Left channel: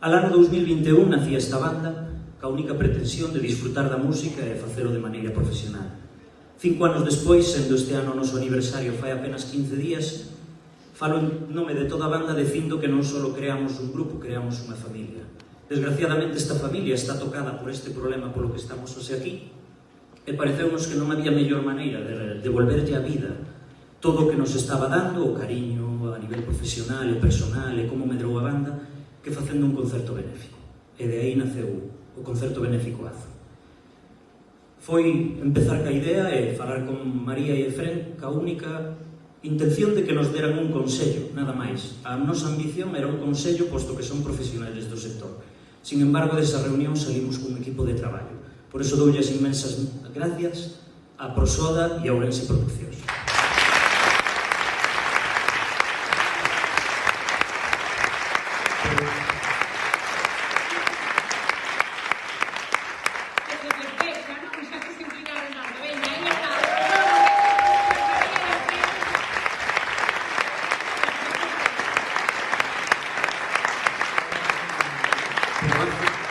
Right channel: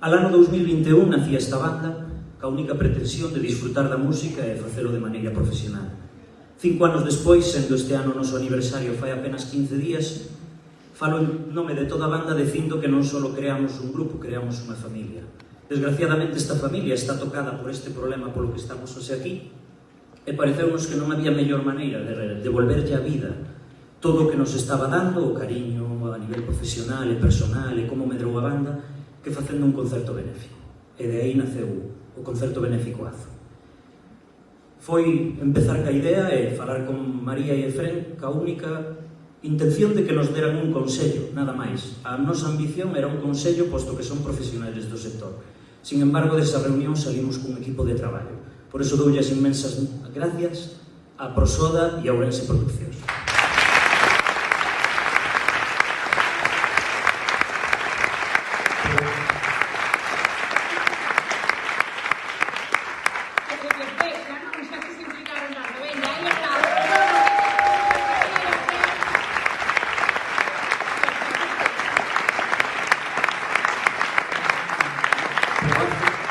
Al ano 2021 nacía esta banda ca única pretensión de disfrutar da música e facelo de maneira profesional. 5 anos despois, sendo este ano o noso aniversario fai apenas 15 días, falo en nome de toda a banda dicindo que non só creamos un grupo, creamos unha familia. Desgraciadamente esta familia está tocada por este problema polo que estamos hoxe aquí e pareceunos que non había mellor maneira de devolverlle a vida todo o que nos estaba dando, o cariño a nivel profesional e personal e como medrou a banda, que facendo un concerto benéfico. E de aí naceu o concerto benéfico AZO. Foi empezar ca idea e falar con María e Efrén ca única intención de que nos deran un consello, nada máis. A nosa ambición era un consello, posto que son profesionales do sector. Sin embargo, desa reunión salimos cun equipo de traballo. Por iso doulles inmensas gracias a Prosoda e a Ourense Produccións.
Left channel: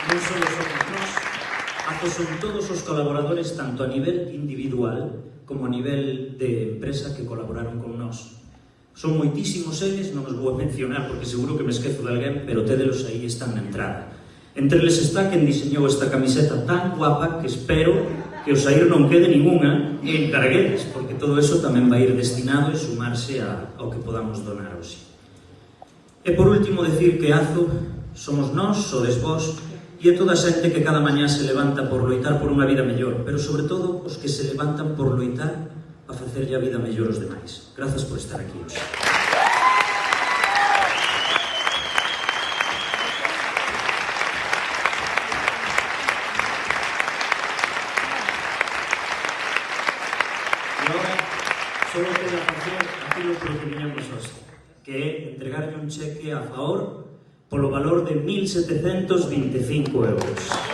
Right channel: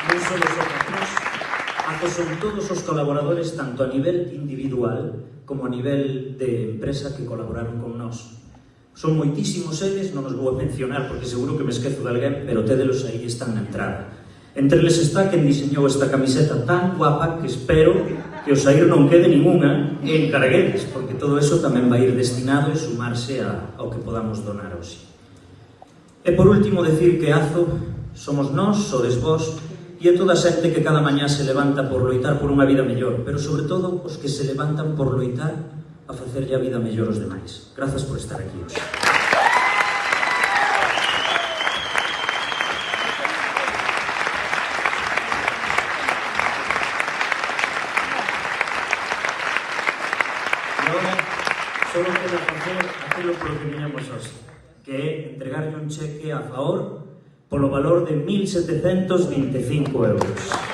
Non só os outros, AZO son todos os colaboradores tanto a nivel individual como a nivel de empresa que colaboraron con nós. Son moitísimos eles, non os vou a mencionar porque seguro que me esquezo de alguén, pero tédelos aí están na entrada. Entre eles está quen diseñou esta camiseta tan guapa que espero que o saír non quede ninguna e encarguedes, porque todo eso tamén vai ir destinado e sumarse ao que podamos donar hoxe. E por último, decir que AZO somos nós, sodes vós, e é toda a xente que cada mañá se levanta por loitar por unha vida mellor, pero sobre todo os que se levantan por loitar a facerlle a vida mellor aos demais. Grazas por estar aquí hoxe. Solo quero facer aquilo polo que viñamos hoxe, que é entregarlle un cheque a favor polo valor de 1.725 euros.